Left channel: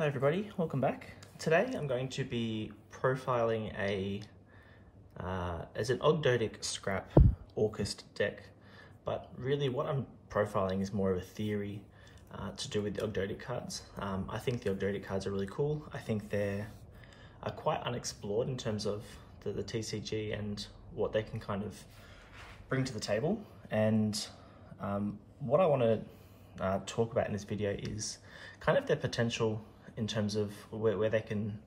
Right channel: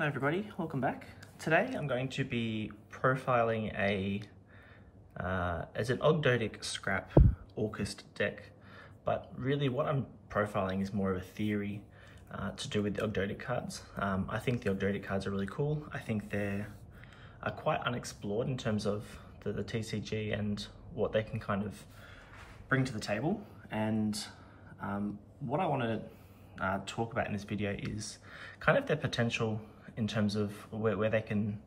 Hi everybody, welcome back. Today I'm going to be profiling as an Ogdoadic Scrap Orcust deck, but really what I'm profiling is more of a theory to do with the Ogdoadic cards. I think the Ogdoadic cards are really cool. I think they're quite unexplored in terms of the TCG and what they can kind of bring to the table. And what I want to talk about in this video is kind of their potential in terms of where they can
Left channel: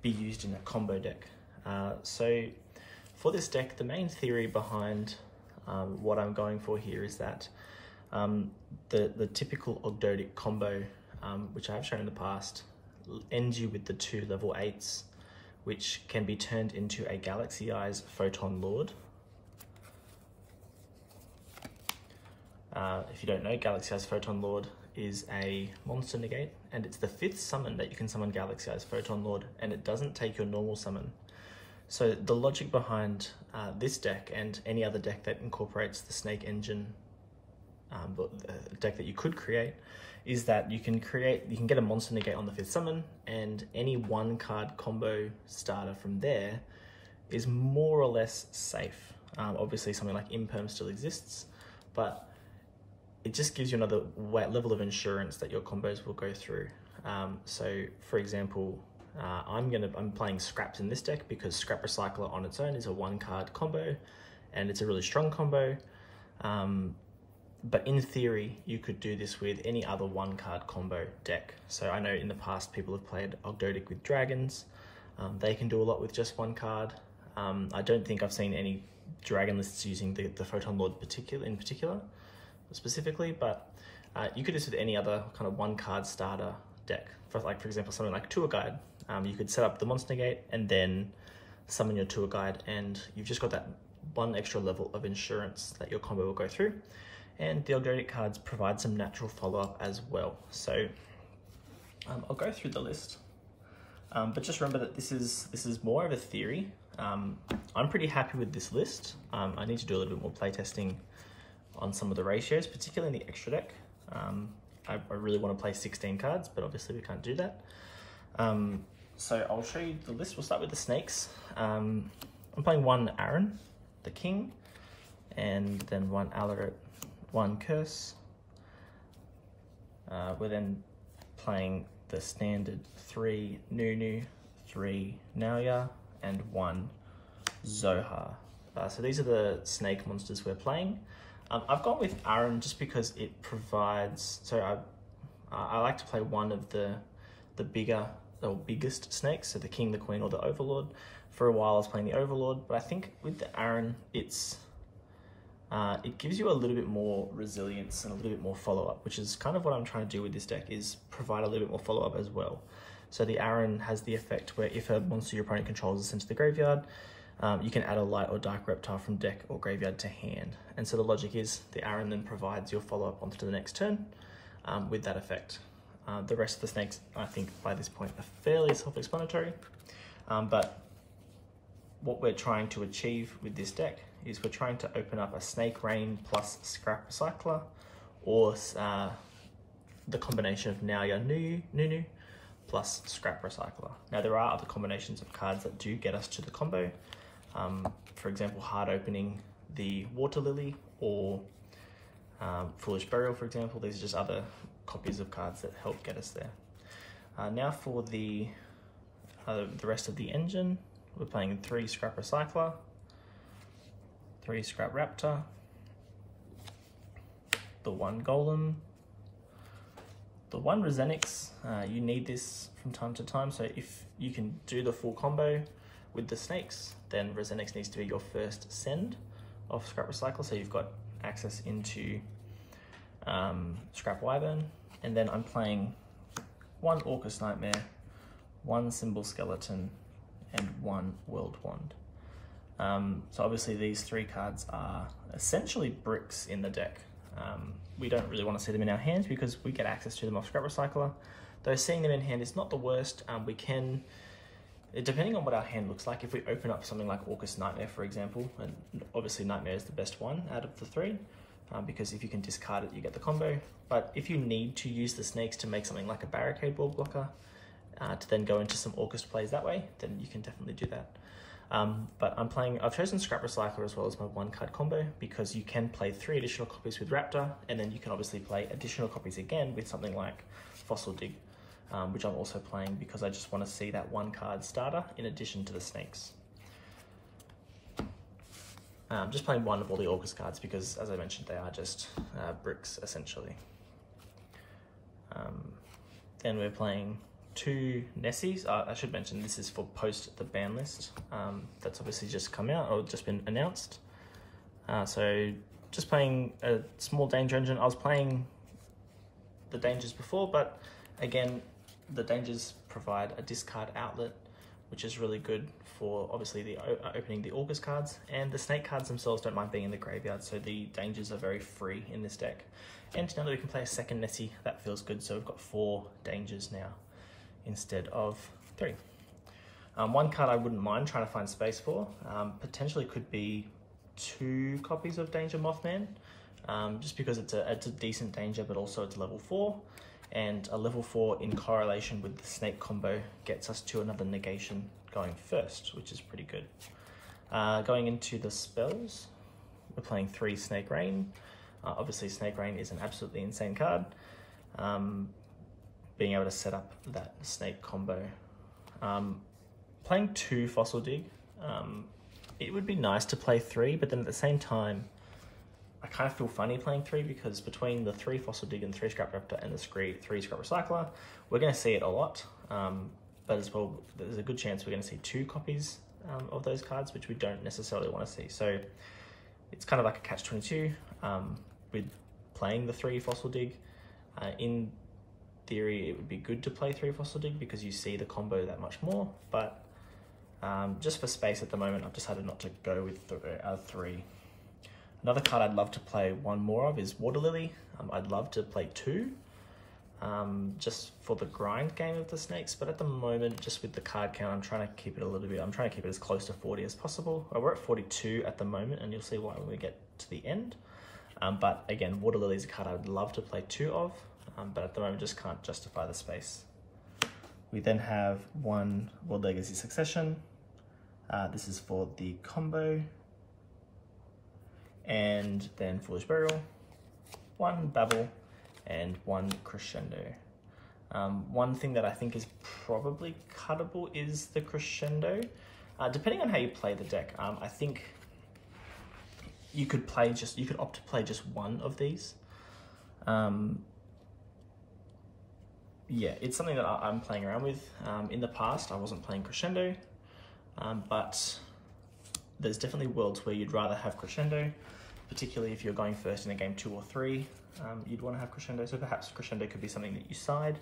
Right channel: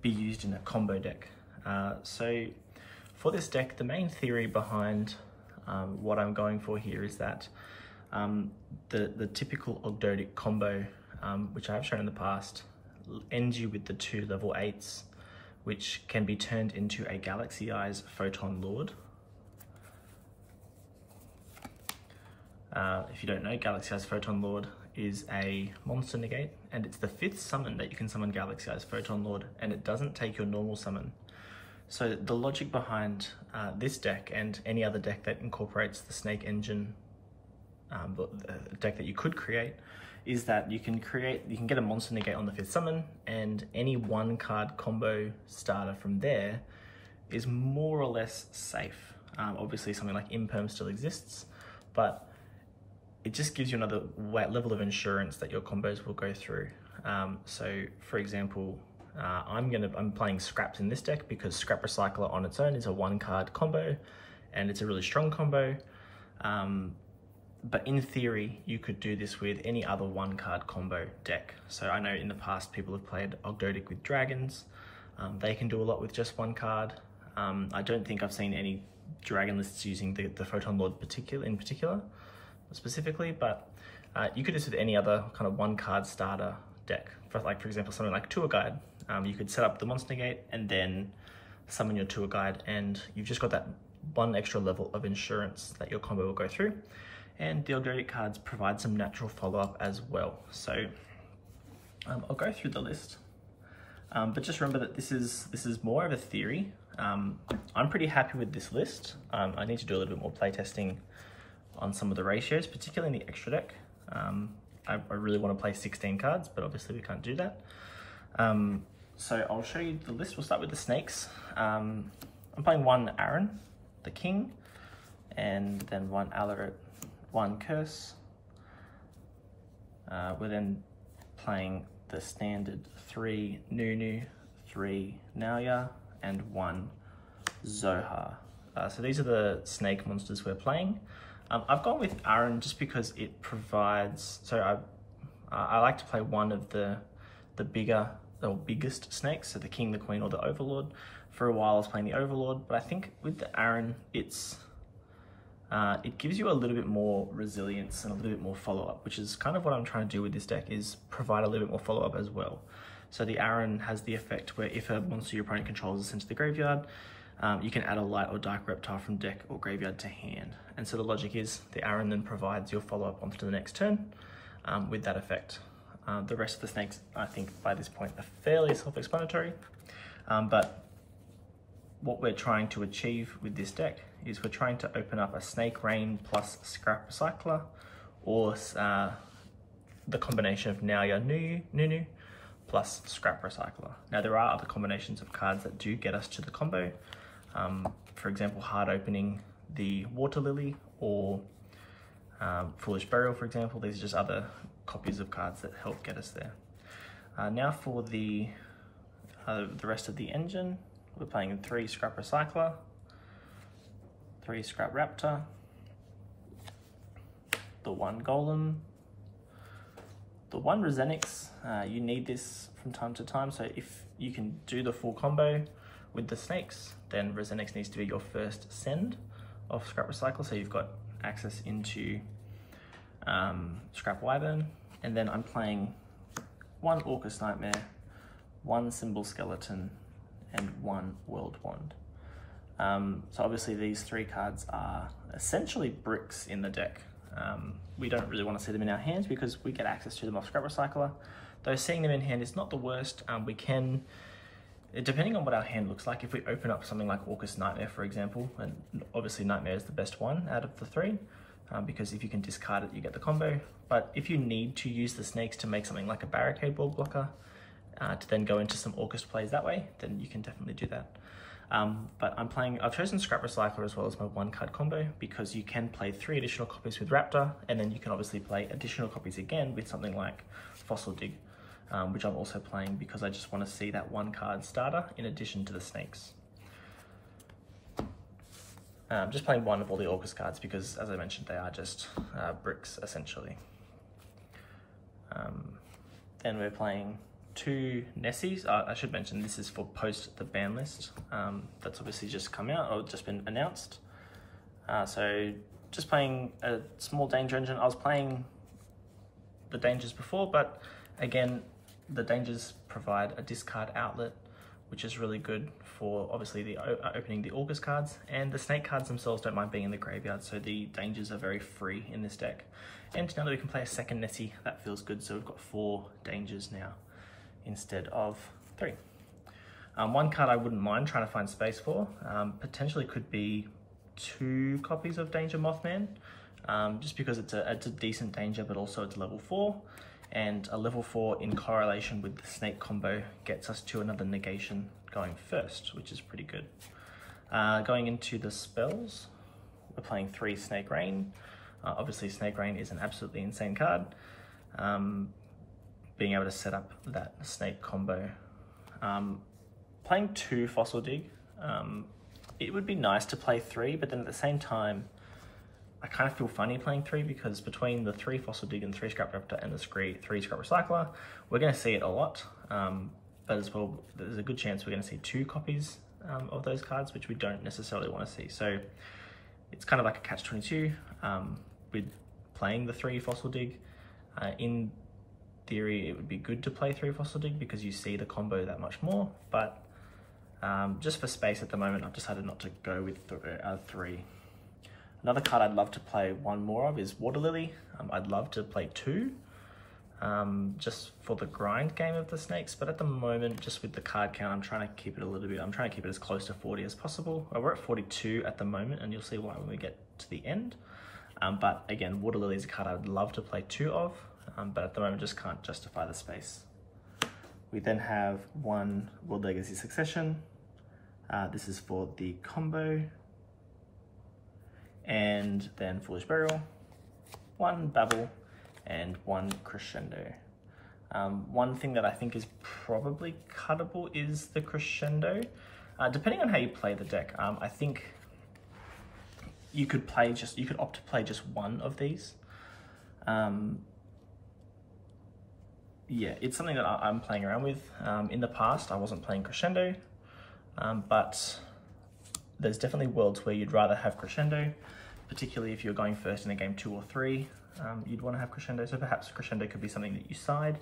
be used in a combo deck. So for this deck, the main theory behind what I'm going for here is that the typical Ogdoadic combo, which I've shown in the past, ends you with the 2 level 8s, which can be turned into a Galaxy Eyes Photon Lord. If you don't know, Galaxy Eyes Photon Lord is a monster negate, and it's the 5th summon that you can summon Galaxy Eyes Photon Lord, and it doesn't take your normal summon. So the logic behind this deck and any other deck that incorporates the Snake Engine, deck that you could create, is that you can get a monster negate on the 5th summon, and any 1-card combo starter from there is more or less safe. Obviously something like Imperm still exists, but it just gives you another level of insurance that your combos will go through. So for example, I'm playing Scraps in this deck because Scrap Recycler on its own is a 1-card combo, and it's a really strong combo. But in theory, you could do this with any other 1-card combo deck. So I know in the past people have played Ogdoadic with Dragons. They can do a lot with just 1 card. I don't think I've seen any Dragon lists using the Photon Lord in particular, specifically, but you could do this with any other kind of 1-card starter deck. For example, something like Tour Guide. You could set up the monster negate and then summon your Tour Guide, and you've just got that 1 extra level of insurance that your combo will go through. And the Ogdoadic cards provide some natural follow-up as well. So I'll go through the list, but just remember that this is more of a theory. I'm pretty happy with this list. I need to do a little bit more playtesting on some of the ratios, particularly in the extra deck. I really want to play 16 cards, but obviously we can't do that. So I'll show you the list. We'll start with the snakes. I'm playing 1 Aaron, the king, and then 1 Alaret, 1 Curse. We're then playing the standard 3 Nunu, 3 Nauya, and 1 Zohar. So these are the snake monsters we're playing. I've gone with Aaron just because it provides, so I like to play one of the bigger or biggest snakes, so the king, the queen, or the overlord. For a while I was playing the overlord, but I think with the Aaron, it gives you a little bit more resilience and a little bit more follow-up, which is kind of what I'm trying to do with this deck, is provide a little bit more follow-up as well. So the Aaron has the effect where if a monster your opponent controls is sent to the graveyard, you can add a light or dark reptile from deck or graveyard to hand. And so the logic is the Aaron then provides your follow-up onto the next turn with that effect. The rest of the snakes, I think by this point, are fairly self-explanatory. But what we're trying to achieve with this deck is we're trying to open up a Snake Rain plus Scrap Recycler, or the combination of Nauya Nunu plus Scrap Recycler. Now there are other combinations of cards that do get us to the combo. For example, hard opening the Water Lily, or Foolish Burial, for example. These are just other copies of cards that help get us there. Now for the rest of the engine, we're playing 3 Scrap Recycler, 3 Scrap Raptor, the 1 Golem, the 1 Resenix. You need this from time to time, so if you can do the full combo with the snakes, then Resenix needs to be your first send of Scrap Recycler, so you've got access into Scrap Wyvern. And then I'm playing 1 Orcust Nightmare, 1 Symbol Skeleton, and 1 World Wand. So obviously these 3 cards are essentially bricks in the deck. We don't really want to see them in our hands because we get access to them off Scrap Recycler. Though seeing them in hand is not the worst. We can, depending on what our hand looks like, if we open up something like Orcust Nightmare, for example, and obviously Nightmare is the best one out of the 3, because if you can discard it, you get the combo. But if you need to use the snakes to make something like a barricade wall blocker, to then go into some Orcust plays that way, then you can definitely do that. But I've chosen Scrap Recycler as well as my 1-card combo because you can play 3 additional copies with Raptor, and then you can obviously play additional copies again with something like Fossil Dig, which I'm also playing because I just want to see that 1-card starter in addition to the snakes. Just playing one of all the Orcust cards because, as I mentioned, they are just bricks essentially. Then we're playing 2 Nessies. I should mention this is for post the ban list. That's obviously just come out or just been announced. So just playing a small danger engine. I was playing the dangers before, but again, the dangers provide a discard outlet, which is really good for obviously the opening the Orcust cards, and the snake cards themselves don't mind being in the graveyard, so the dangers are very free in this deck. And now that we can play a second Nessie, that feels good. So we've got 4 dangers now instead of 3. 1 card I wouldn't mind trying to find space for, potentially could be 2 copies of Danger Mothman, just because it's a decent danger, but also it's level 4, and a level 4 in correlation with the snake combo gets us to another negation going first, which is pretty good. Going into the spells, we're playing 3 Snake Rain. Obviously Snake Rain is an absolutely insane card. Being able to set up that snake combo. Playing 2 Fossil Dig, it would be nice to play 3, but then at the same time, I kind of feel funny playing 3 because between the 3 Fossil Dig and 3 Scrap Raptor and the 3 Scrap Recycler, we're going to see it a lot. But as well, there's a good chance we're going to see 2 copies of those cards, which we don't necessarily want to see. So it's kind of like a catch-22 with playing the 3 Fossil Dig. In theory, it would be good to play 3 Fossil Dig because you see the combo that much more, but just for space at the moment, I've decided not to go with 3. Another card I'd love to play 1 more of is Water Lily. I'd love to play 2, just for the grind game of the snakes, but at the moment, just with the card count, I'm trying to keep it a little bit, I'm trying to keep it as close to 40 as possible. We're at 42 at the moment, and you'll see why when we get to the end. But again, Water Lily is a card I would love to play 2 of, but at the moment just can't justify the space. We then have 1 World Legacy Succession. This is for the combo. And then Foolish Burial, 1 Babel, and 1 Crescendo. One thing that I think is probably cuttable is the Crescendo. Depending on how you play the deck, I think you could opt to play just 1 of these. Yeah, it's something that I'm playing around with. In the past, I wasn't playing Crescendo, but there's definitely worlds where you'd rather have Crescendo, particularly if you're going first in a game 2 or 3, you'd want to have Crescendo. So perhaps Crescendo could be something that you side,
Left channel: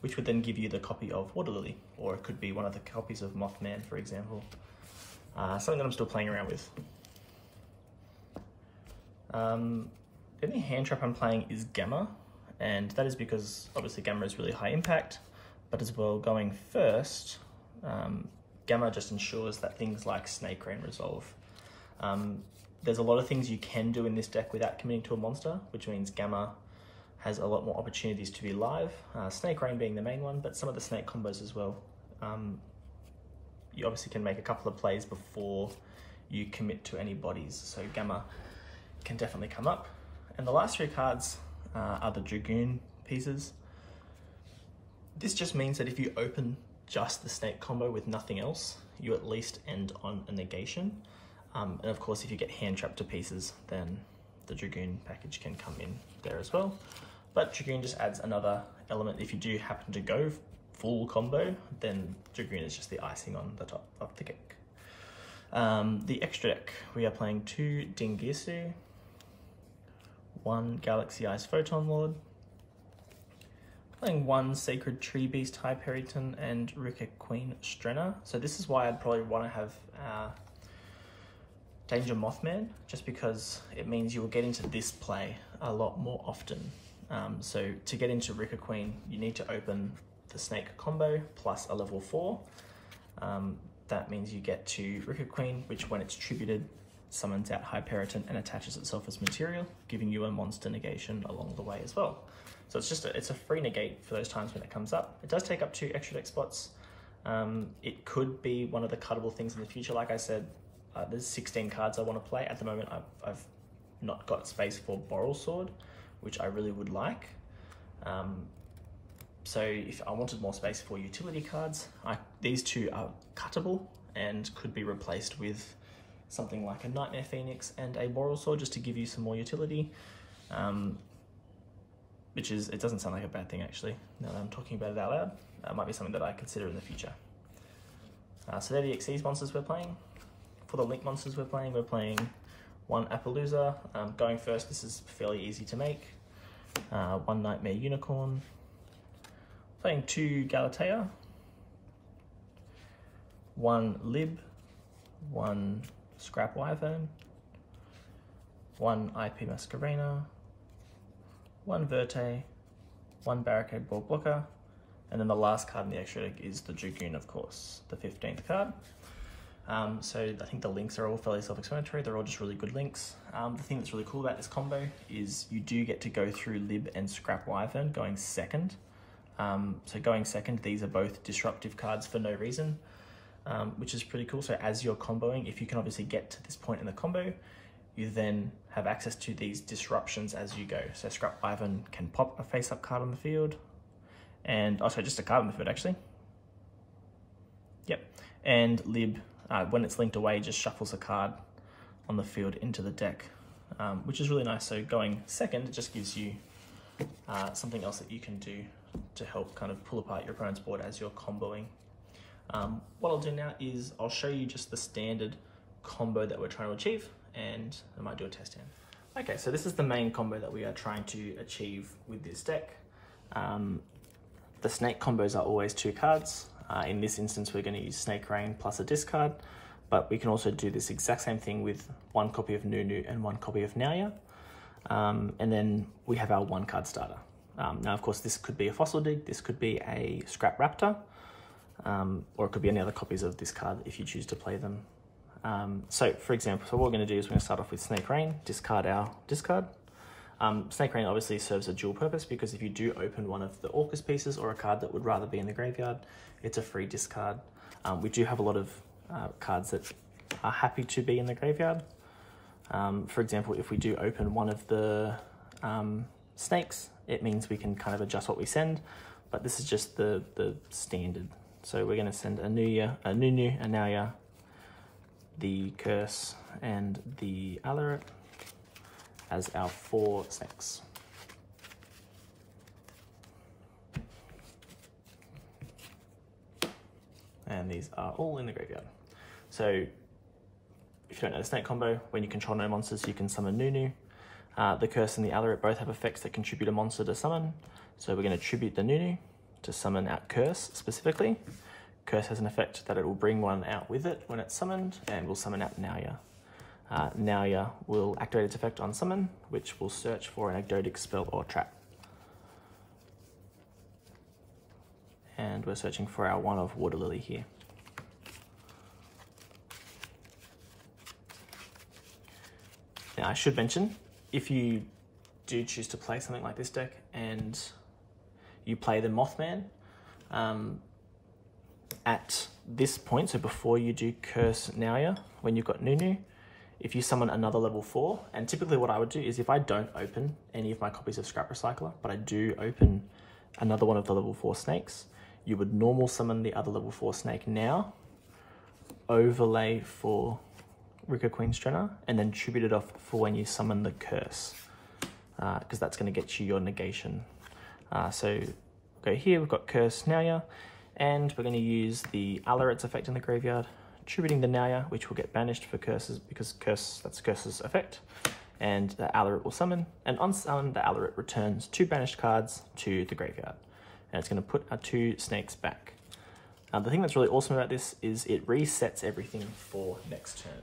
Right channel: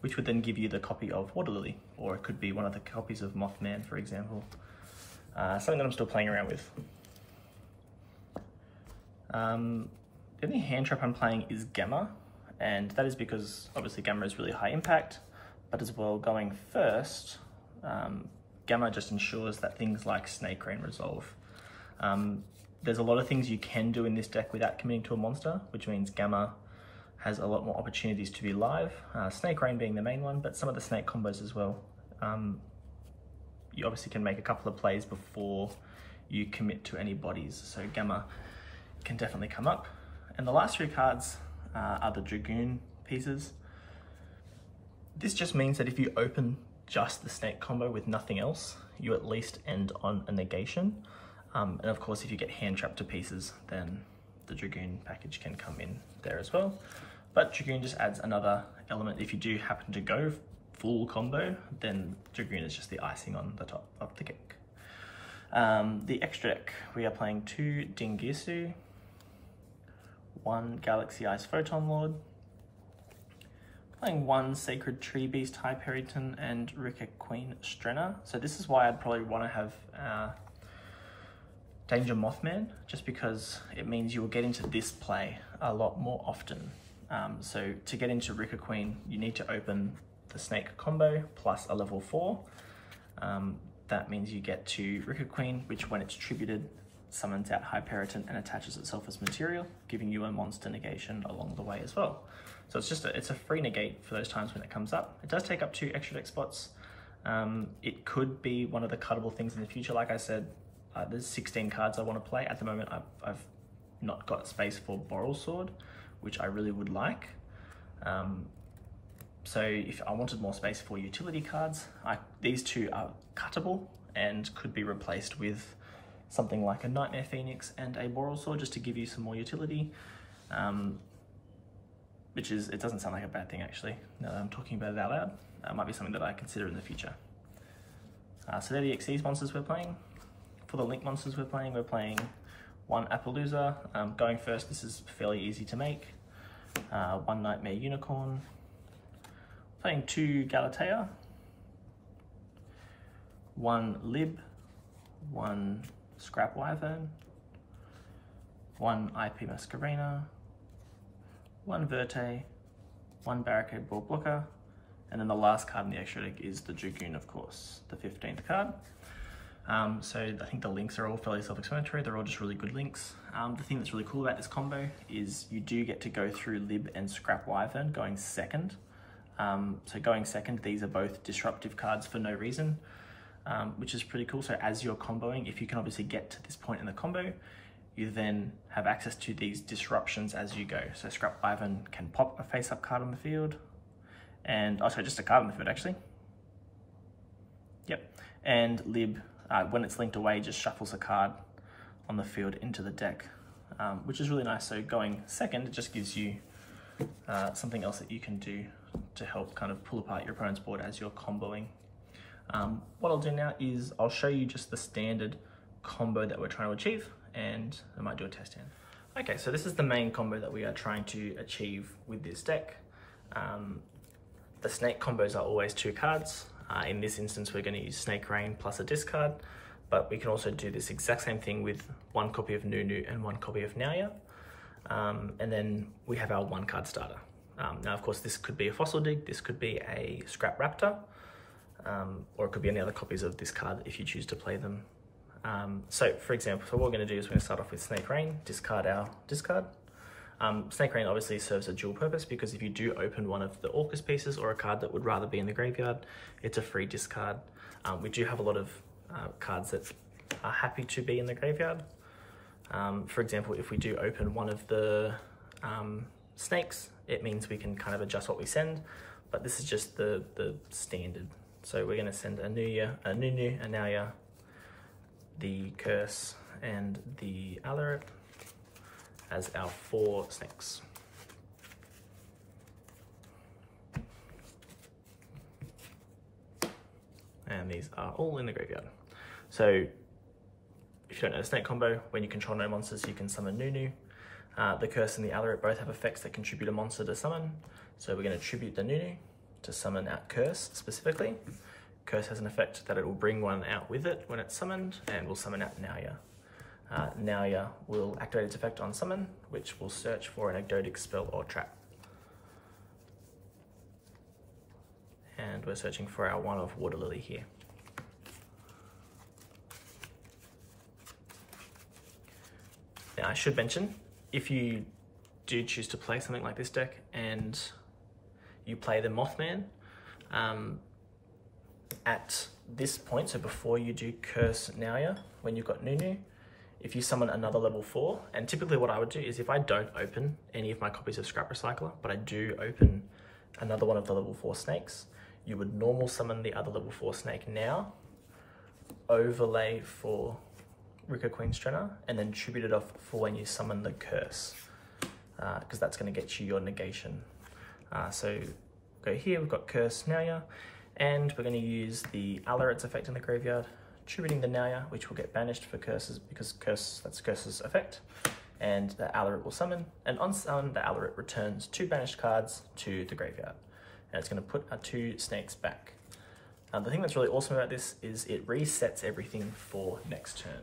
which would then give you the copy of Water Lily, or it could be one of the copies of Mothman, for example. Something that I'm still playing around with. The only hand trap I'm playing is Gamma, and that is because obviously Gamma is really high impact, but as well going first, Gamma just ensures that things like Snake Rain resolve. There's a lot of things you can do in this deck without committing to a monster, which means Gamma has a lot more opportunities to be live, Snake Rain being the main one, but some of the snake combos as well. You obviously can make a couple of plays before you commit to any bodies, so Gamma can definitely come up. And the last 3 cards are the Dragoon pieces. This just means that if you open just the snake combo with nothing else, you at least end on a negation. And of course, if you get hand trapped to pieces, then the Dragoon package can come in there as well. But Dragoon just adds another element. If you do happen to go full combo, then Dragoon is just the icing on the top of the cake. The extra deck, we are playing 2 Dingisu, 1 Galaxy Eyes Photon Lord, playing 1 Sacred Tree Beast Hyperiton, and Rika Queen Strenna. So this is why I'd probably want to have Danger Mothman, just because it means you will get into this play a lot more often. So to get into Rika Queen, you need to open the snake combo plus a level 4. That means you get to Rika Queen, which when it's tributed summons out Hyperiton and attaches itself as material, giving you a monster negation along the way as well. So it's just it's a free negate for those times when it comes up. It does take up 2 extra deck spots. It could be one of the cuttable things in the future. Like I said, there's 16 cards I want to play. At the moment, I've not got space for Boral Sword, which I really would like. So if I wanted more space for utility cards, these 2 are cuttable and could be replaced with something like a Nightmare Phoenix and a Boral Sword, just to give you some more utility. It doesn't sound like a bad thing actually, now that I'm talking about it out loud. It might be something that I consider in the future. So they're the Xyz monsters we're playing. For the Link monsters we're playing 1 Appaloosa. Going first, this is fairly easy to make. 1 Nightmare Unicorn. Playing 2 Galatea. 1 Lib. 1 Scrap Wyvern. 1 IP Masquerena. 1 Verte. 1 Barricade Ball Blocker. And then the last card in the extra deck is the Dragoon, of course, the 15th card. So I think the links are all fairly self-explanatory. They're all just really good links. The thing that's really cool about this combo is you do get to go through Lib and Scrap Wyvern going second. So going second, these are both disruptive cards for no reason, which is pretty cool. So as you're comboing, if you can obviously get to this point in the combo, you then have access to these disruptions as you go. So Scrap Wyvern can pop a face-up card on the field, and also just a card on the field actually. Yep, and Lib, when it's linked away, just shuffles a card on the field into the deck, which is really nice. So going second, it just gives you something else that you can do to help kind of pull apart your opponent's board as you're comboing. What I'll do now is I'll show you just the standard combo that we're trying to achieve, and I might do a test hand. Okay, so this is the main combo that we are trying to achieve with this deck. The snake combos are always 2 cards. In this instance, we're going to use Snake Rain plus a discard, but we can also do this exact same thing with 1 copy of Nunu and 1 copy of Nauya. And then we have our 1 card starter. Now, of course, this could be a Fossil Dig, this could be a Scrap Raptor, or it could be any other copies of this card if you choose to play them. So for example, what we're going to do is we're going to start off with Snake Rain, discard our discard. Snake Rain obviously serves a dual purpose, because if you do open one of the Orcust pieces or a card that would rather be in the graveyard, it's a free discard. We do have a lot of cards that are happy to be in the graveyard. For example, if we do open one of the snakes, it means we can kind of adjust what we send, but this is just the standard. So we're going to send a Nunu, a Nauya, the Curse, and the Alaric as our 4 snakes. And these are all in the graveyard. So if you don't know the snake combo, when you control no monsters, you can summon Nunu. The Curse and the Alaric both have effects that contribute a monster to summon. So we're going to tribute the Nunu to summon out Curse specifically. Curse has an effect that it will bring one out with it when it's summoned, and will summon out Nauya. Nauya will activate its effect on summon, which will search for an Ogdoadic spell or trap. And we're searching for our 1 of Water Lily here. Now I should mention, if you do choose to play something like this deck and you play the Mothman, at this point, so before you do Curse Nauya, when you've got Nunu, if you summon another level 4, and typically what I would do is if I don't open any of my copies of Scrap Recycler, but I do open another one of the level 4 snakes, you would normal summon the other level 4 snake now, overlay for Rika Queen's Trenner, and then tribute it off for when you summon the Curse, because that's going to get you your negation. So go here, we've got Curse Nauya, and we're going to use the Alaric's effect in the graveyard, tributing the Nauya, which will get banished for Curses, because that's Curse's effect, and the Alaric will summon, and on summon, the Alaric returns 2 banished cards to the graveyard, and it's going to put our 2 snakes back. The thing that's really awesome about this is it resets everything for next turn.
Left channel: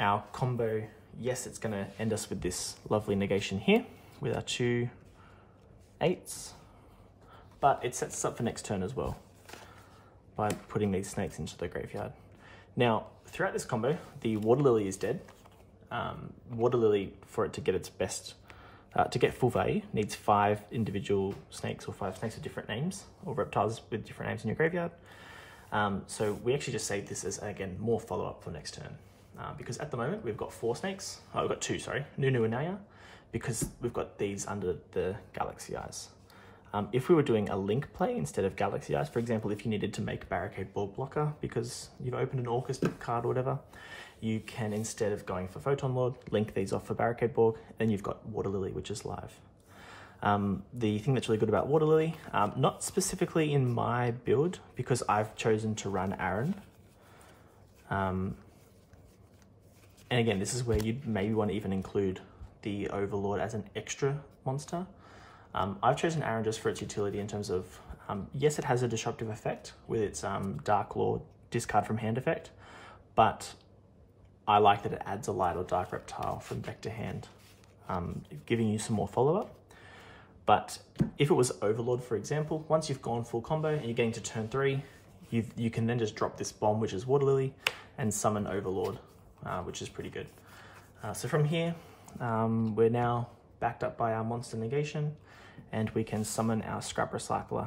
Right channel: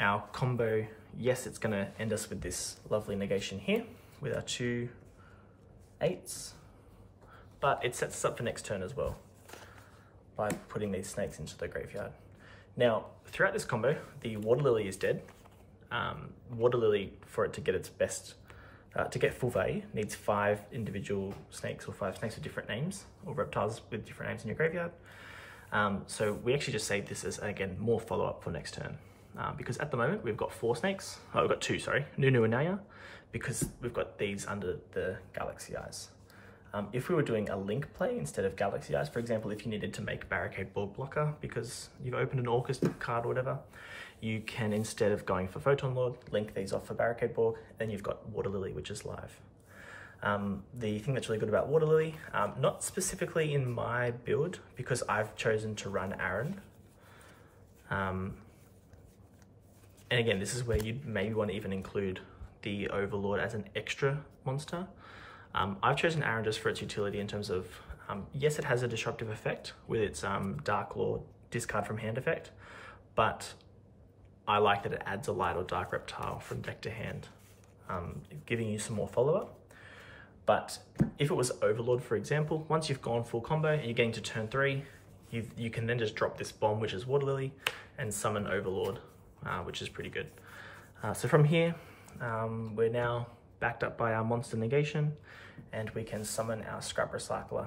Our combo, yes, it's going to end us with this lovely negation here, with our 2 8s, but it sets us up for next turn as well by putting these snakes into the graveyard. Now, throughout this combo, the Water Lily is dead. Water Lily, for it to get its best, to get full value, needs 5 individual snakes or 5 snakes with different names, or reptiles with different names in your graveyard. So we actually just saved this as, again, more follow-up for next turn. Because at the moment, we've got 4 snakes. Oh, we've got 2, sorry. Nunu and Naya, because we've got these under the Galaxy Eyes. If we were doing a link play instead of Galaxy Eyes, for example, if you needed to make Barricade Ball Blocker because you've opened an Orcust card or whatever, you can, instead of going for Photon Lord, link these off for Barricade Ball, then you've got Water Lily, which is live. The thing that's really good about Water Lily, not specifically in my build, because I've chosen to run Aaron. And again, this is where you'd maybe want to even include the Overlord as an extra monster. I've chosen Aaron just for its utility in terms of, yes, it has a disruptive effect with its Dark Lord discard from hand effect, but I like that it adds a light or dark reptile from deck to hand, giving you some more follow-up. But if it was Overlord, for example, once you've gone full combo and you're getting to turn 3, you can then just drop this bomb, which is Water Lily, and summon Overlord, which is pretty good. So from here, we're now backed up by our monster negation, and we can summon our Scrap Recycler.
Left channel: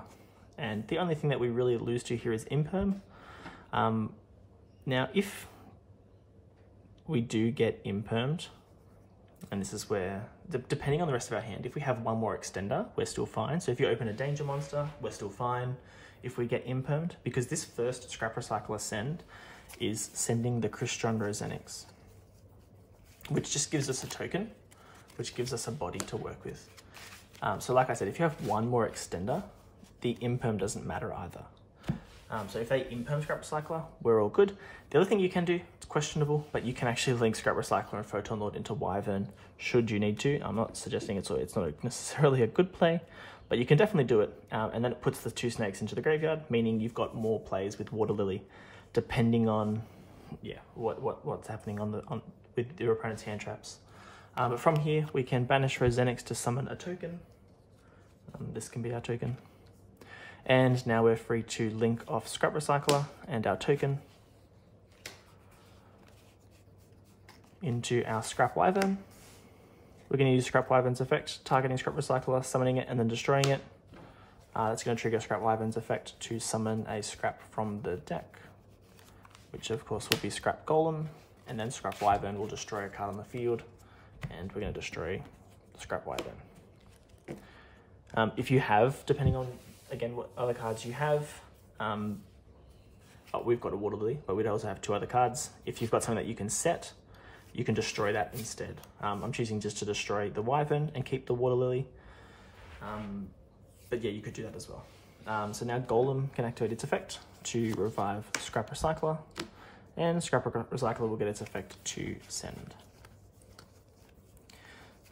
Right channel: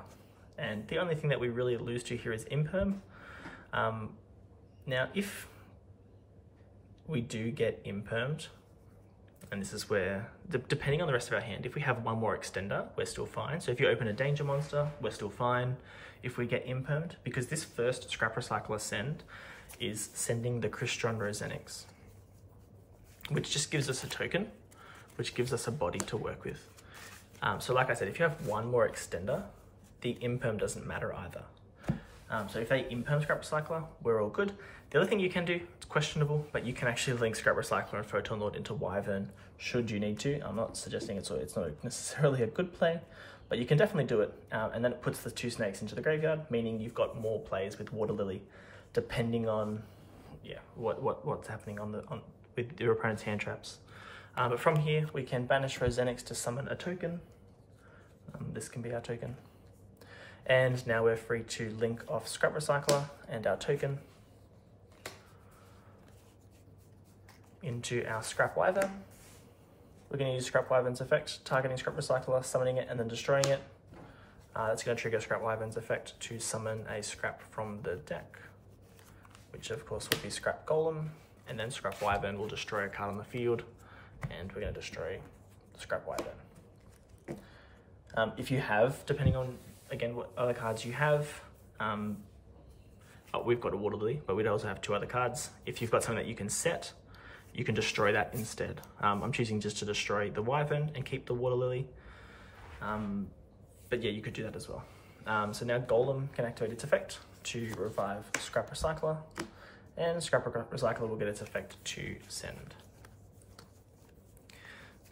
And the only thing that we really lose to here is Imperm. Now, if we do get Impermed, and this is where, depending on the rest of our hand, if we have one more extender, we're still fine. So if you open a danger monster, we're still fine. If we get Impermed, because this first Scrap Recycler send is sending the Crystron Rosenix, which just gives us a token, which gives us a body to work with. So like I said, if you have one more extender, the Imperm doesn't matter either. So if they Imperm Scrap Recycler, we're all good. The other thing you can do, it's questionable, but you can actually link Scrap Recycler and Photon Lord into Wyvern should you need to. I'm not suggesting it's not necessarily a good play, but you can definitely do it. And then it puts the 2 snakes into the graveyard, meaning you've got more plays with Water Lily, depending on what's happening with your opponent's hand traps. But from here, we can banish Rosenix to summon a token. This can be our token. And now we're free to link off Scrap Recycler and our token into our Scrap Wyvern. We're going to use Scrap Wyvern's effect, targeting Scrap Recycler, summoning it, and then destroying it. That's going to trigger Scrap Wyvern's effect to summon a Scrap from the deck, which of course would be Scrap Golem, and then Scrap Wyvern will destroy a card on the field, and we're going to destroy Scrap Wyvern. If you have, depending on, again, what other cards you have, we've got a Water Lily, but we'd also have 2 other cards. If you've got something that you can set, you can destroy that instead. I'm choosing just to destroy the Wyvern and keep the Water Lily. But yeah, you could do that as well. So now Golem can activate its effect to revive Scrap Recycler, and Scrap Recycler will get its effect to send.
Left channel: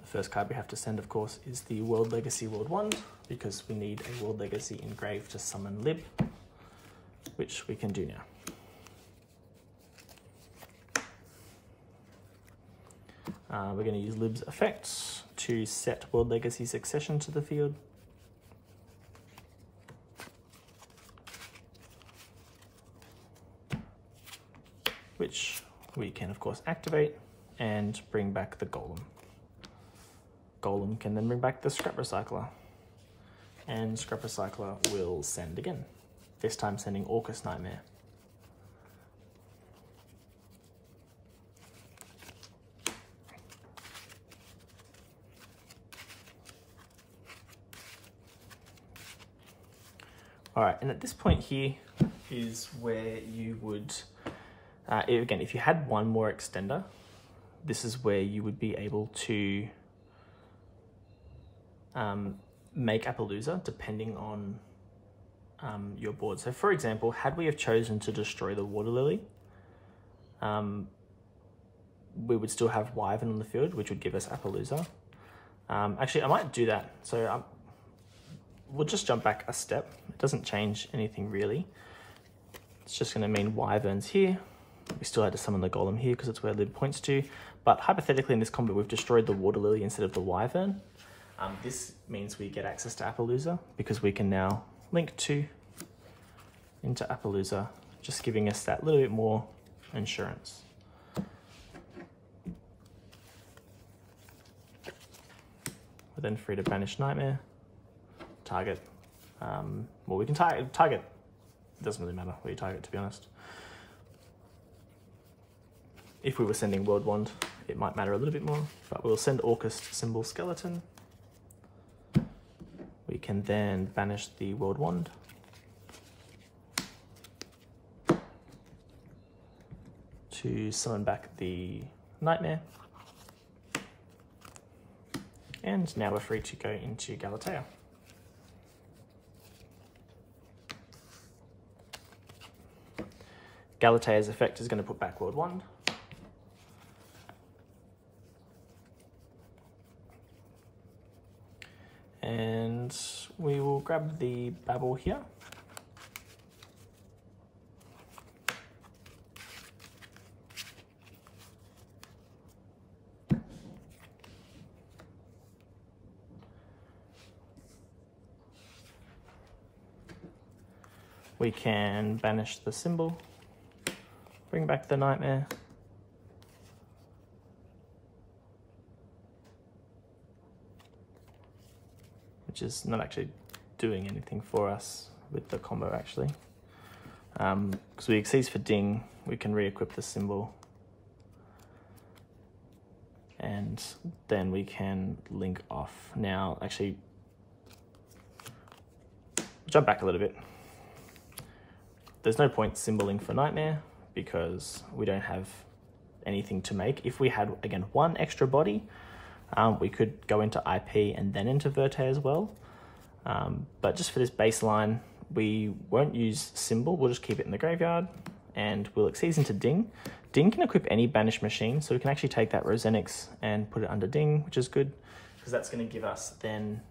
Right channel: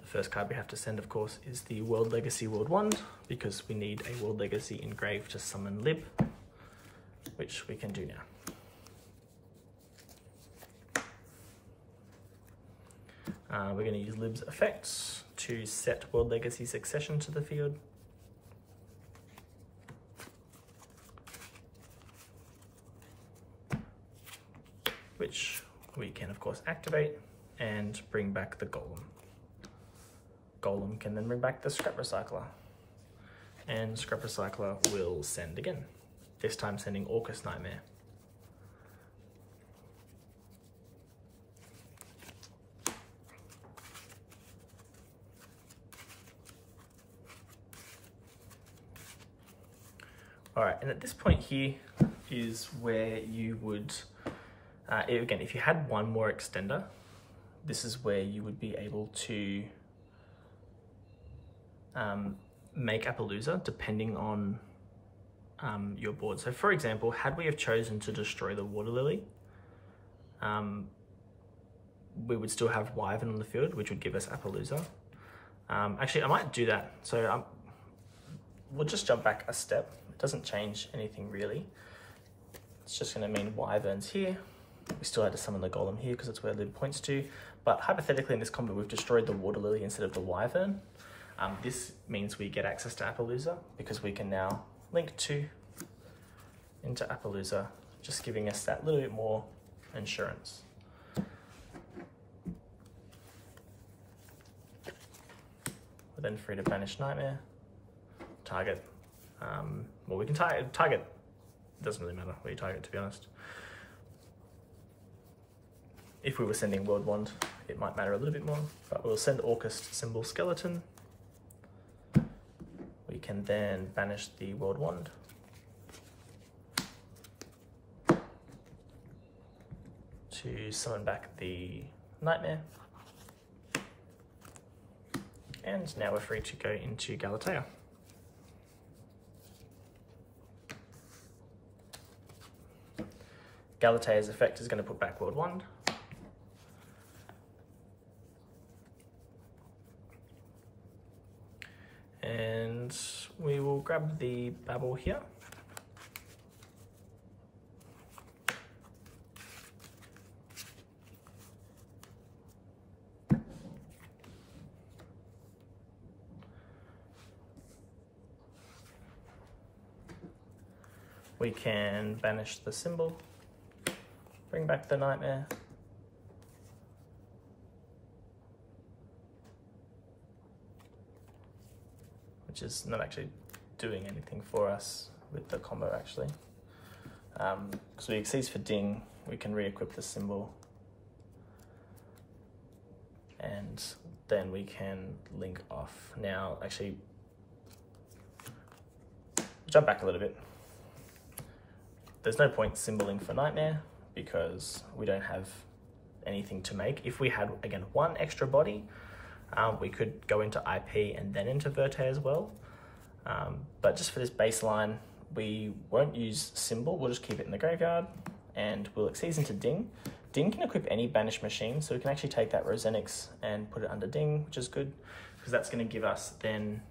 The first card we have to send, of course, is the World Legacy World Wand, because we need a World Legacy engraved to summon Lib, which we can do now. We're going to use Lib's effects to set World Legacy Succession to the field. Which we can, of course, activate and bring back the Golem. Golem can then bring back the Scrap Recycler, and Scrap Recycler will send again, this time sending Orcust Nightmare. All right, and at this point here is where you would, again, if you had one more extender, this is where you would be able to make Appaloosa depending on your board. So for example, had we have chosen to destroy the Water Lily, we would still have Wyvern on the field, which would give us Appaloosa. Actually, I might do that. So we'll just jump back a step. It doesn't change anything really. It's just going to mean Wyvern's here. We still had to summon the Golem here because it's where Lid points to. But hypothetically in this combo, we've destroyed the Water Lily instead of the Wyvern. This means we get access to Appaloosa because we can now link 2 into Appaloosa, just giving us that little bit more insurance. We're then free to banish nightmare, target. Well, we can target. It doesn't really matter where you target, to be honest. If we were sending World Wand, it might matter a little bit more, but we'll send Orcust symbol skeleton. We can then banish the World Wand. To summon back the nightmare. And now we're free to go into Galatea. Galatea's effect is going to put back World Wand. And we will grab the Babel here. We can banish the symbol, bring back the nightmare, which is not actually doing anything for us with the combo actually. Because we exceed for ding, we can re-equip the symbol, and then we can link off. Now, actually, jump back a little bit. There's no point symboling for nightmare because we don't have anything to make. If we had, again, one extra body, we could go into IP and then into Verte as well. But just for this baseline, we won't use symbol. We'll just keep it in the graveyard and we'll exceed into ding. Ding can equip any banished machine, so we can actually take that Rosenix and put it under ding, which is good because that's going to give us then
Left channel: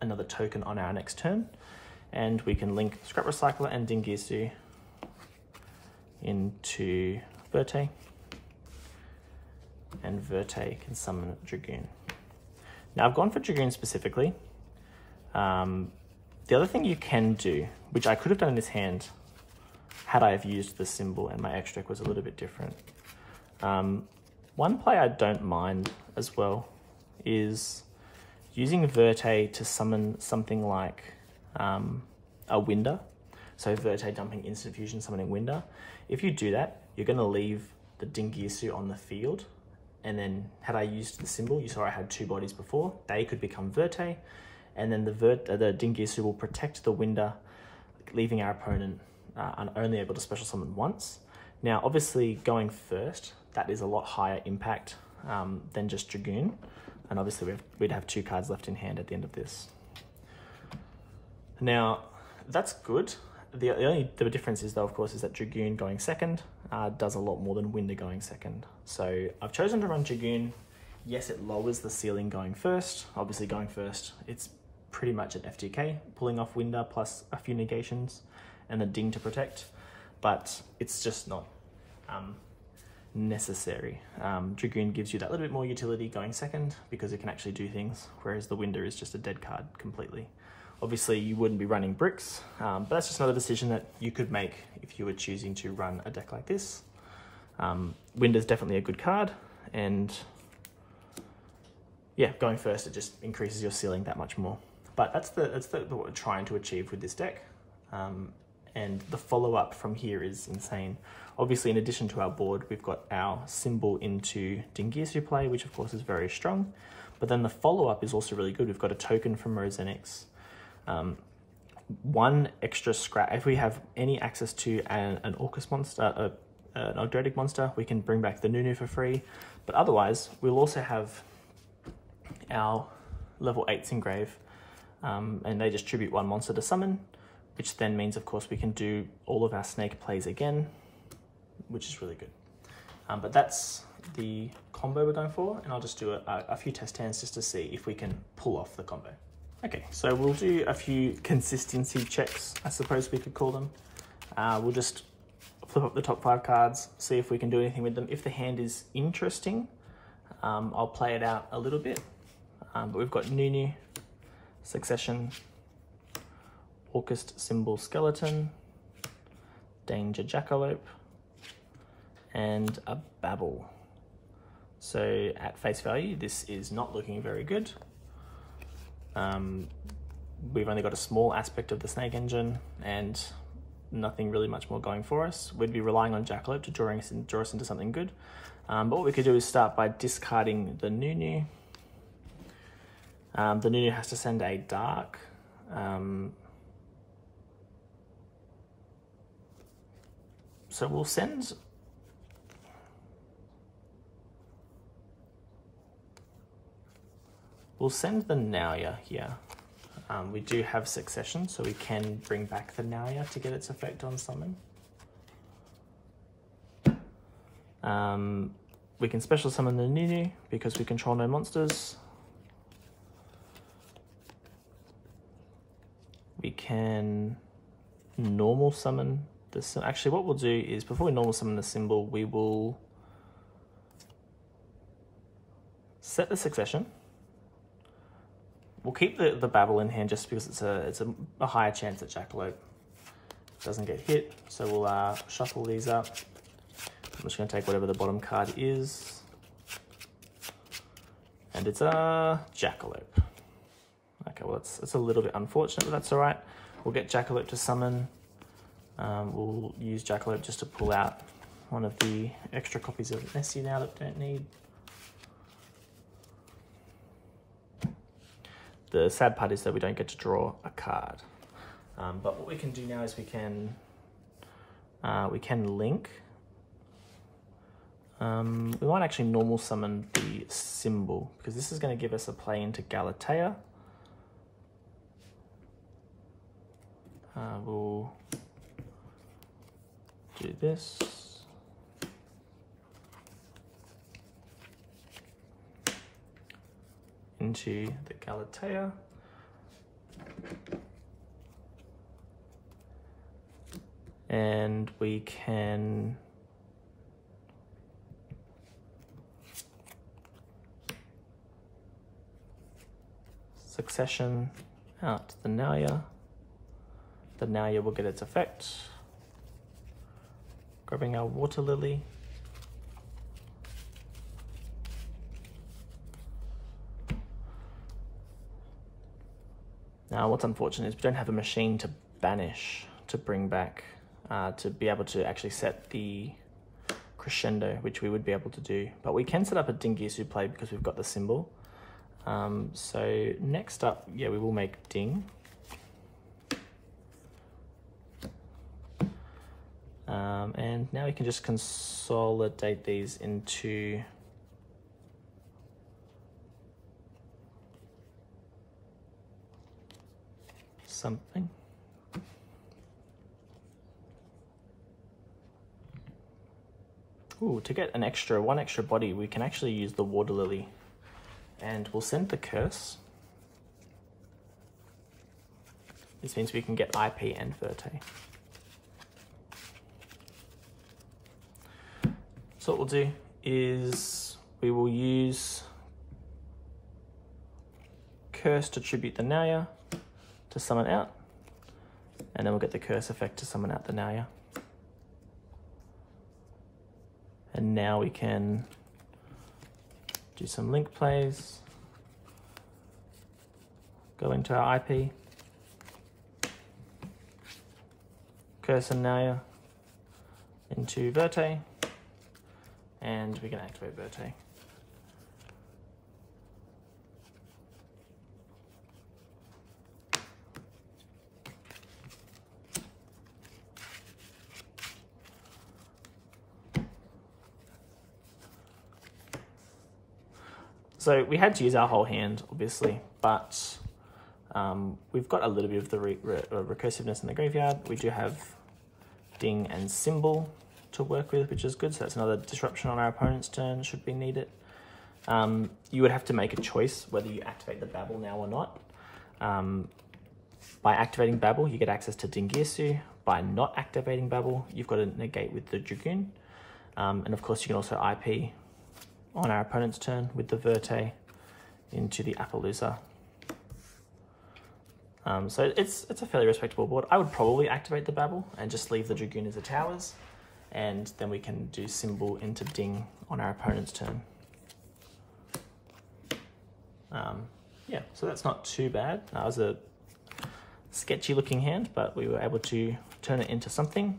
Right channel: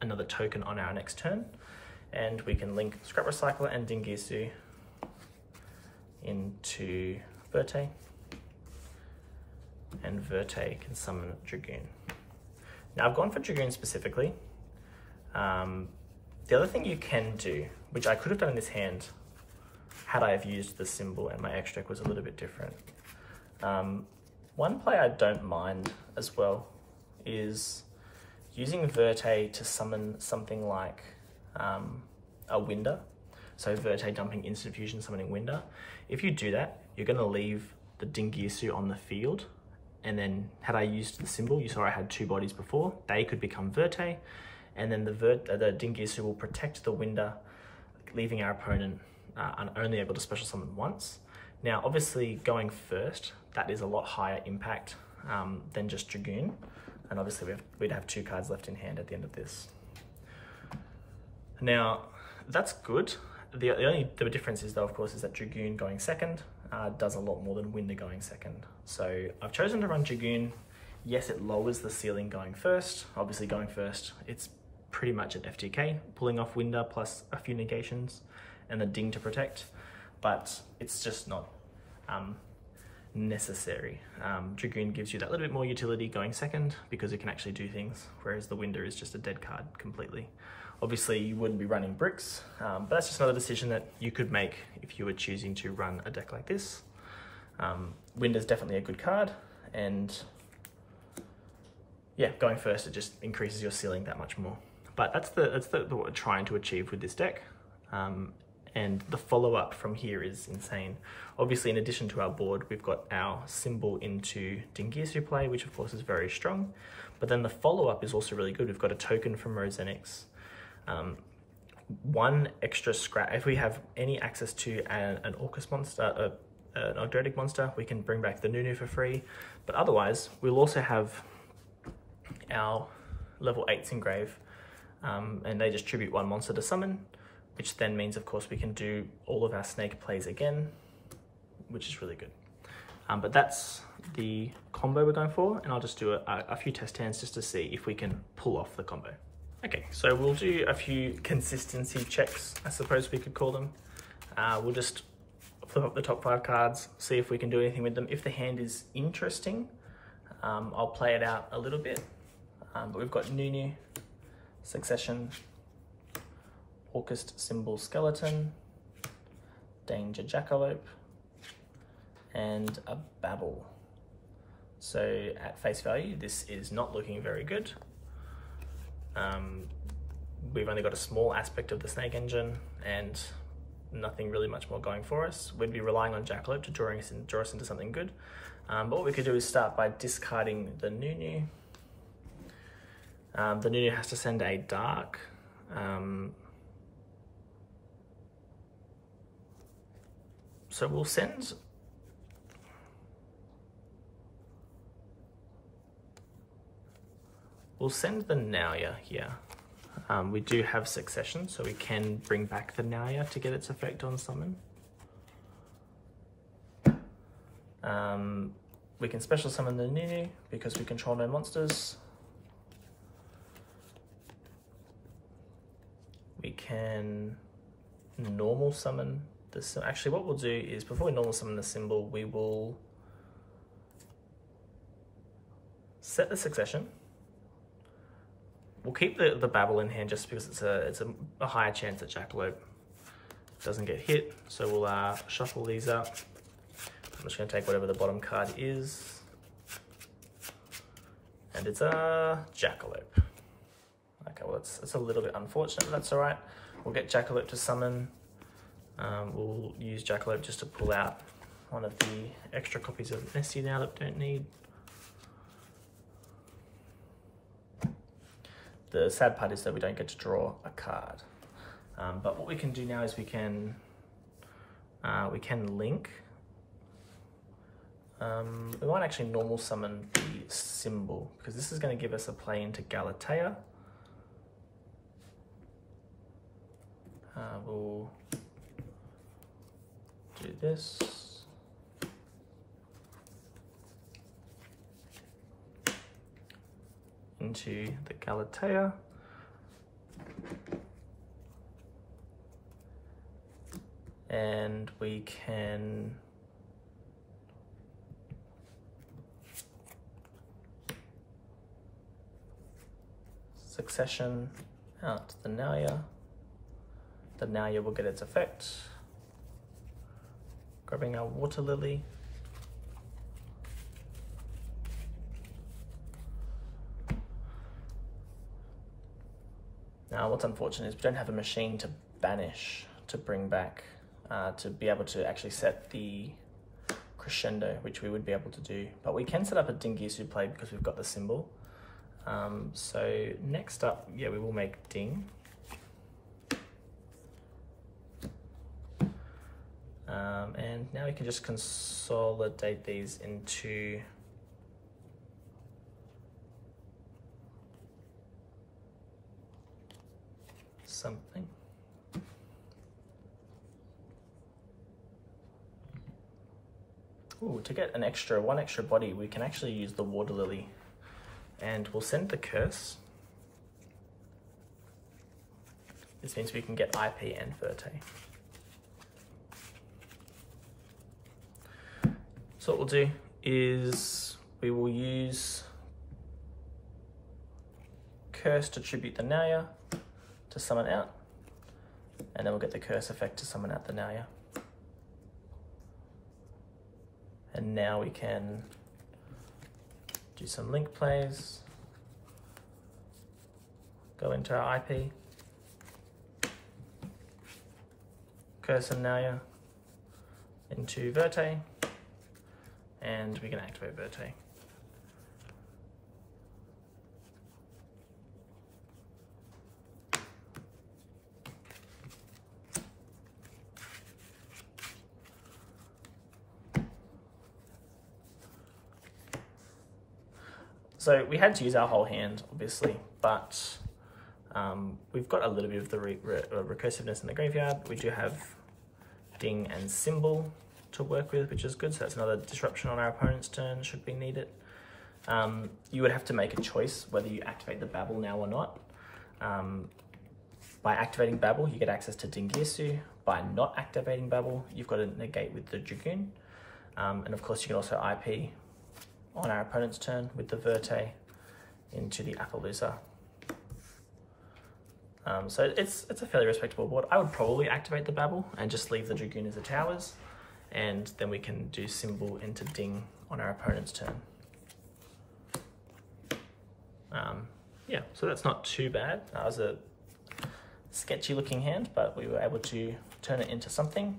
another token on our next turn. And we can link Scrap Recycler and Dingisu into Verte. And Verte can summon Dragoon. Now I've gone for Dragoon specifically. The other thing you can do, which I could have done in this hand had I have used the symbol and my extract was a little bit different. One play I don't mind as well is using Verte to summon something like a Winder. So Verte dumping instant fusion, summoning Winder. If you do that, you're going to leave the Dingisu on the field. And then had I used the symbol, you saw I had two bodies before, they could become Verte. And then the Dingisu will protect the Winder, leaving our opponent only able to special summon once. Now, obviously going first, that is a lot higher impact than just Dragoon. And obviously we'd have two cards left in hand at the end of this. Now, that's good. The only difference is though, of course, is that Dragoon going second does a lot more than Winder going second. So I've chosen to run Dragoon. Yes, it lowers the ceiling going first. Obviously going first, it's pretty much an FTK, pulling off Winder plus a few negations and the ding to protect, but it's just not necessary. Dragoon gives you that little bit more utility going second because it can actually do things, whereas the Winder is just a dead card completely. Obviously you wouldn't be running bricks, but that's just another decision that you could make if you were choosing to run a deck like this. Winder's definitely a good card, and yeah, going first, it just increases your ceiling that much more. But that's what we're trying to achieve with this deck. And the follow-up from here is insane. Obviously, in addition to our board, we've got our symbol into Dingisu play, which of course is very strong. But then the follow-up is also really good. We've got a token from Rosenix. One extra scrap. If we have any access to an Orcust monster, an Ogdoadic monster, we can bring back the Nunu for free. But otherwise, we'll also have our level 8s engrave, and they just tribute one monster to summon, which then means, of course, we can do all of our snake plays again, which is really good. But that's the combo we're going for, and I'll just do a few test hands just to see if we can pull off the combo. Okay, so we'll do a few consistency checks, I suppose we could call them. We'll just flip up the top 5 cards, see if we can do anything with them. If the hand is interesting, I'll play it out a little bit. But we've got Nunu, Succession, Orcust symbol skeleton, Danger Jackalope, and a Babel. So at face value, this is not looking very good. We've only got a small aspect of the snake engine and nothing really much more going for us. We'd be relying on Jackalope to draw us into something good. But what we could do is start by discarding the Nunu. The Nunu has to send a dark. So we'll send the Nauya here. We do have succession, so we can bring back the Nauya to get its effect on summon. We can special summon the Nunu because we control no monsters. We can normal summon this. Actually, what we'll do is before we normal summon the symbol, we will set the succession. We'll keep the Babel in hand just because it's a higher chance that Jackalope doesn't get hit. So we'll shuffle these up. I'm just going to take whatever the bottom card is, and it's a Jackalope. Okay, well it's a little bit unfortunate, but that's all right. We'll get Jackalope to summon. We'll use Jackalope just to pull out one of the extra copies of Nessie now that we don't need. The sad part is that we don't get to draw a card. But what we can do now is we can link. We might actually normal summon the symbol because this is going to give us a play into Galatea. We'll do this. Into the Galatea. And we can succession out the Nauya. The Nauya will get its effect. Grabbing our Water Lily. Now what's unfortunate is we don't have a machine to banish, to bring back, to be able to actually set the crescendo, which we would be able to do. But we can set up a Dingirsu play because we've got the symbol. So next up, yeah, we will make Ding. And now we can just consolidate these into something. Ooh, to get one extra body, we can actually use the Water Lily. And we'll send the Curse. This means we can get IP and Verte. So what we'll do is we will use Curse to tribute the Nauya to summon out, and then we'll get the Curse effect to summon out the Nauya. And now we can do some link plays, go into our IP, Curse and Nauya into Verte, and we can activate Verte. So we had to use our whole hand, obviously, but we've got a little bit of the recursiveness in the graveyard. We do have Ding and Symbol to work with, which is good. So that's another disruption on our opponent's turn should we need it. You would have to make a choice whether you activate the Babel now or not. By activating Babel, you get access to Dingirsu. By not activating Babel, you've got to negate with the Dragoon. And of course, you can also IP on our opponent's turn with the Verte into the Appaloosa. So it's a fairly respectable board. I would probably activate the Babel and just leave the Dragoon as the towers. and then we can do symbol into ding on our opponent's turn. Yeah, so that's not too bad. That was a sketchy looking hand, but we were able to turn it into something.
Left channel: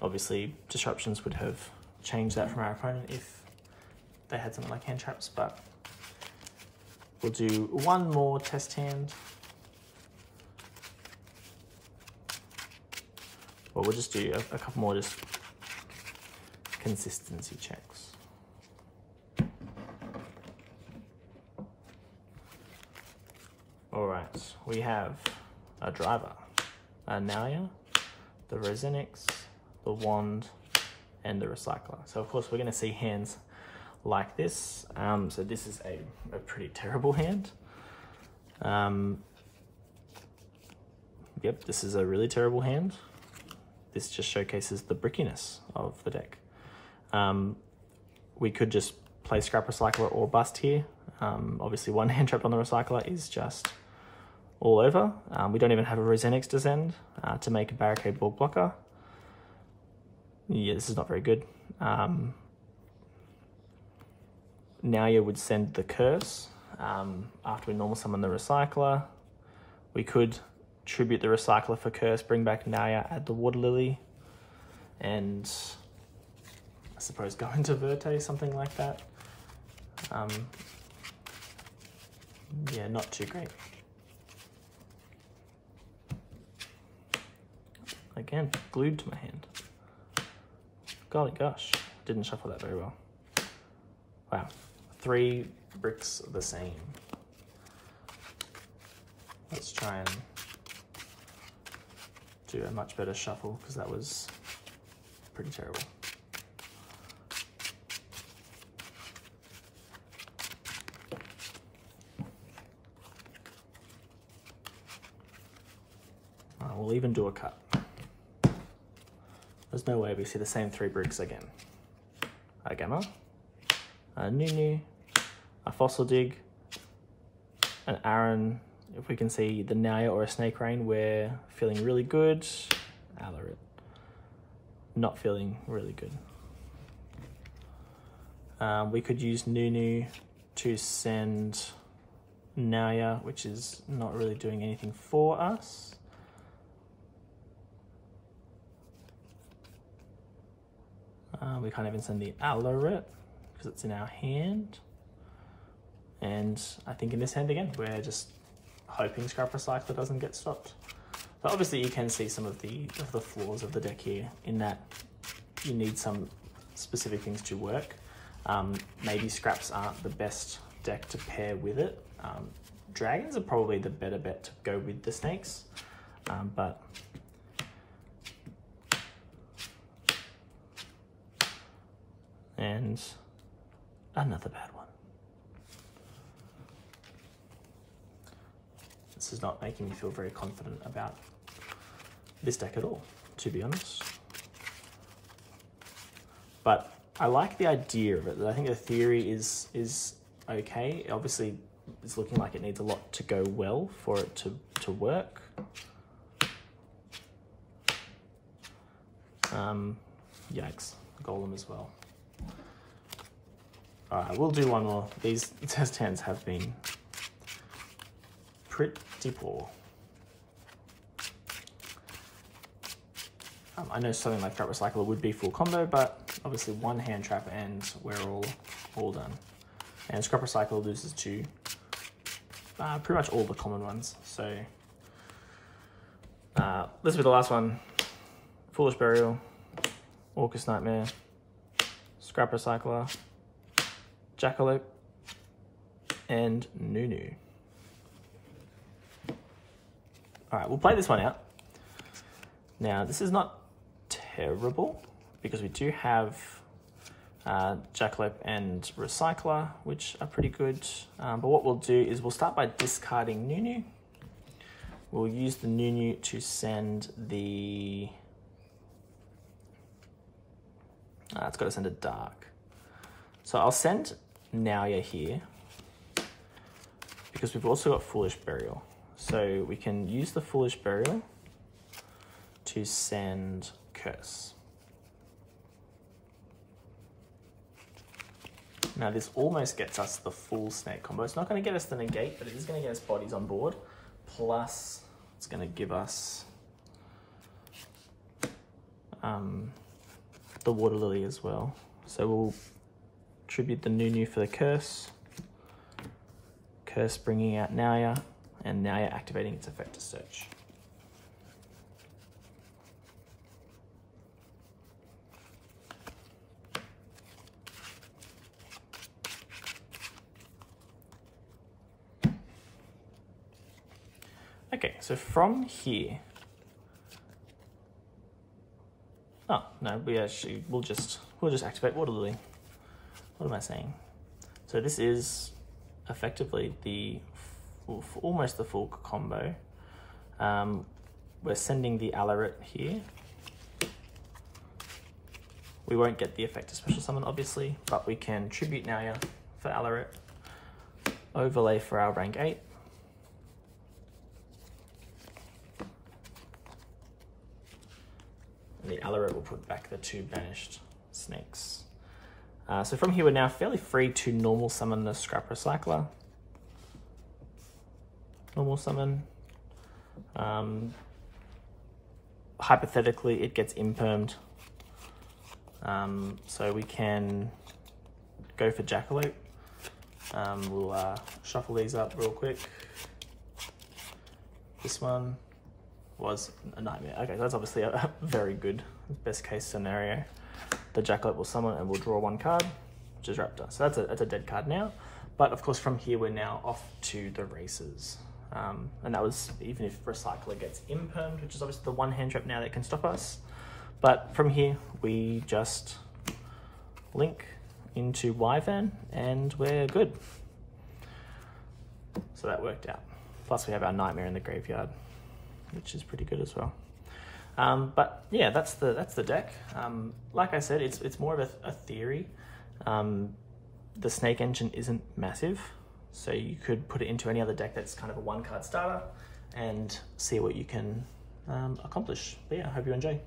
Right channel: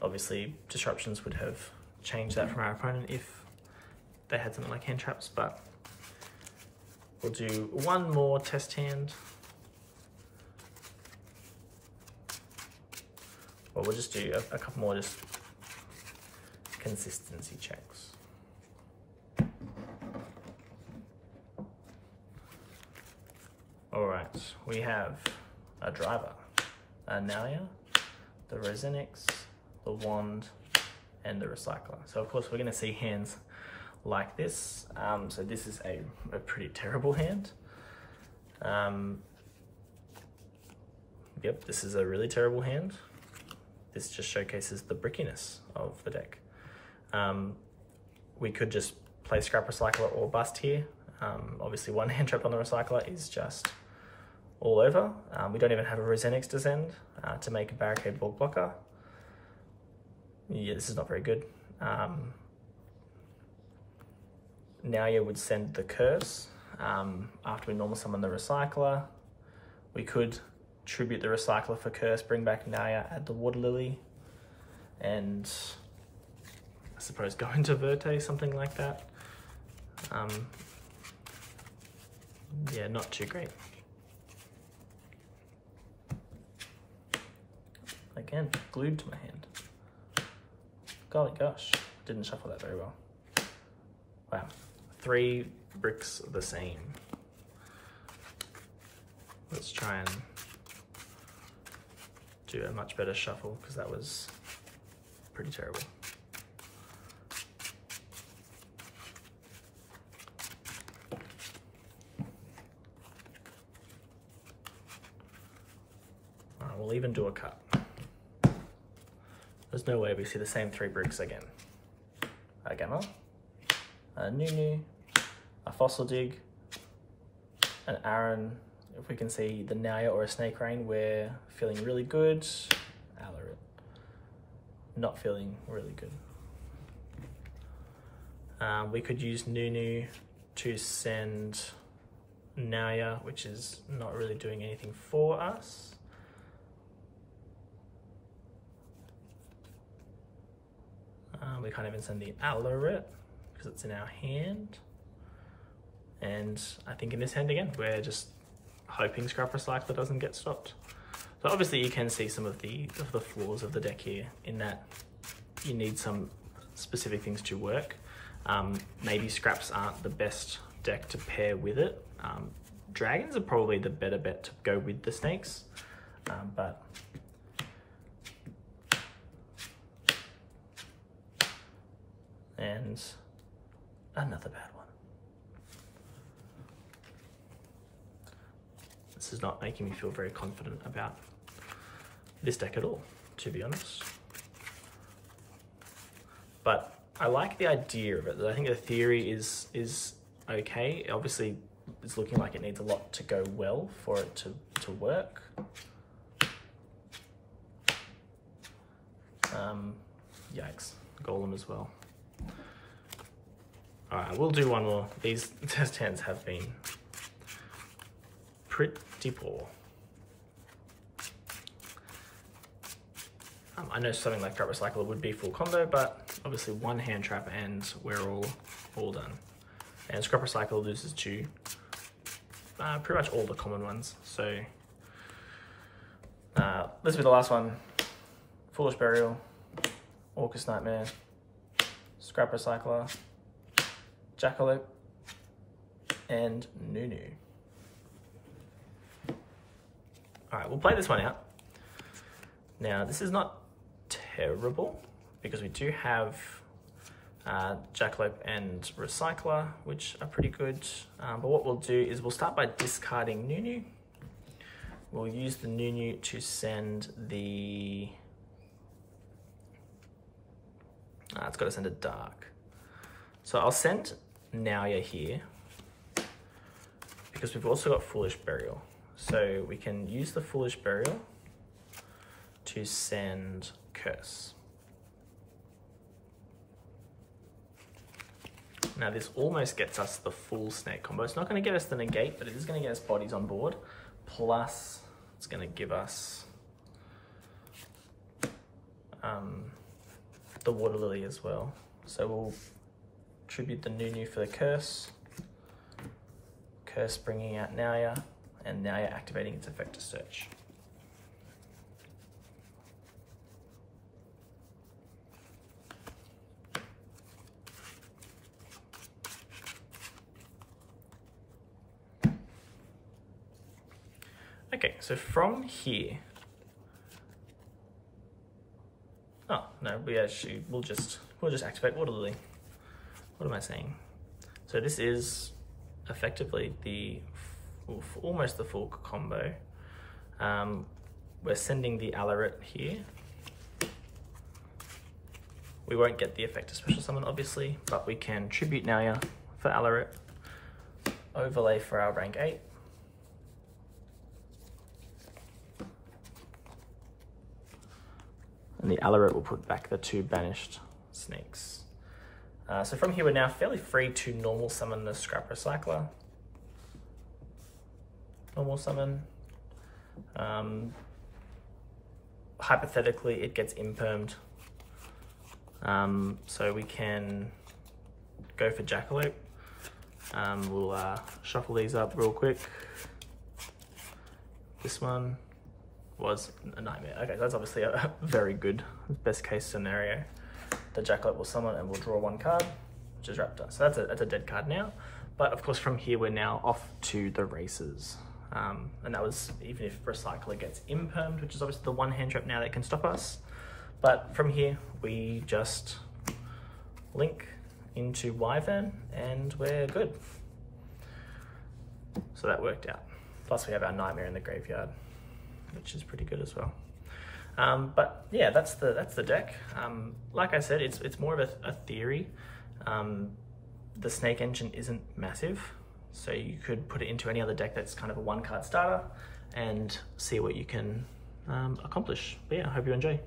Obviously, disruptions would have changed that from our opponent if they had something like hand traps, but we'll do one more test hand. Well, we'll just do a couple more just consistency checks. All right, we have a driver, a Naya, the Resenics, the wand, and the recycler. So of course we're going to see hands like this. So this is a pretty terrible hand. Yep, this is a really terrible hand. This just showcases the brickiness of the deck. We could just play Scrap Recycler or Bust here. Obviously one hand trap on the recycler is just all over. We don't even have a Resenics to send to make a barricade ball blocker. Yeah, this is not very good. Naya would send the curse after we normal summon the recycler. We could tribute the recycler for curse, bring back Naya, add the water lily, and I suppose go into Verte, something like that. Yeah, not too great. Again, glued to my hand. Golly gosh, didn't shuffle that very well. Wow, 3 bricks the same. Let's try and do a much better shuffle because that was pretty terrible. We'll even do a cut. There's no way we see the same 3 bricks again. A Gamma, a Nunu, a Fossil Dig, an Aaron. If we can see the Naya or a Snake Rain, we're feeling really good. Alarit, not feeling really good. We could use Nunu to send Naya, which is not really doing anything for us. We can't even send the Alarit because it's in our hand. And I think in this hand again, we're just hoping Scrap Recycler doesn't get stopped. But obviously you can see some of the flaws of the deck here in that you need some specific things to work. Maybe scraps aren't the best deck to pair with it. Dragons are probably the better bet to go with the snakes, but and another bad one. This is not making me feel very confident about this deck at all, to be honest. But I like the idea of it. I think the theory is okay. Obviously, it's looking like it needs a lot to go well for it to work. Yikes, Golem as well. All right, we'll do one more. These test hands have been pretty poor. I know something like Scrap Recycler would be full combo, but obviously one hand trap and we're all done. And Scrap Recycler loses to pretty much all the common ones. So this will be the last one. Foolish Burial, Orcust Nightmare, Scrap Recycler, Jackalope, and Nunu. All right, we'll play this one out. Now, this is not terrible because we do have Jackalope and Recycler, which are pretty good. But what we'll do is we'll start by discarding Nunu. We'll use the Nunu to send the... it's got to send a Dark. So I'll send Naya here because we've also got Foolish Burial. So we can use the Foolish Burial to send Curse. Now this almost gets us the full snake combo. It's not going to get us the negate, but it is going to get us bodies on board. Plus, it's going to give us the water lily as well. So we'll tribute the new for the curse. Curse bringing out Naya, and Naya activating its effect to search. Okay, so from here, oh no, we'll just activate Water Lily. What am I saying? So this is effectively almost the full combo. We're sending the Alarit here. We won't get the effect of special summon, obviously, but we can tribute Naya for Alarit, overlay for our rank 8. And the Alarit will put back the 2 banished snakes. So from here, we're now fairly free to normal summon the Scrap Recycler. Normal summon. Hypothetically, it gets impermed. So we can go for Jackalope. We'll shuffle these up real quick. This one was a nightmare. Okay, that's obviously a very good best case scenario. The Jackalope will summon and we'll draw 1 card, which is Raptor. So that's a dead card now. But of course from here we're now off to the races. And that was even if Recycler gets impermed, which is obviously the 1 hand trap now that can stop us. But from here we just link into Wyvern and we're good. So that worked out. Plus we have our Nightmare in the graveyard, which is pretty good as well. But yeah, that's the deck. Like I said, it's more of a theory. The Snake Engine isn't massive, so you could put it into any other deck that's kind of a 1 card starter and see what you can accomplish. But yeah, I hope you enjoy.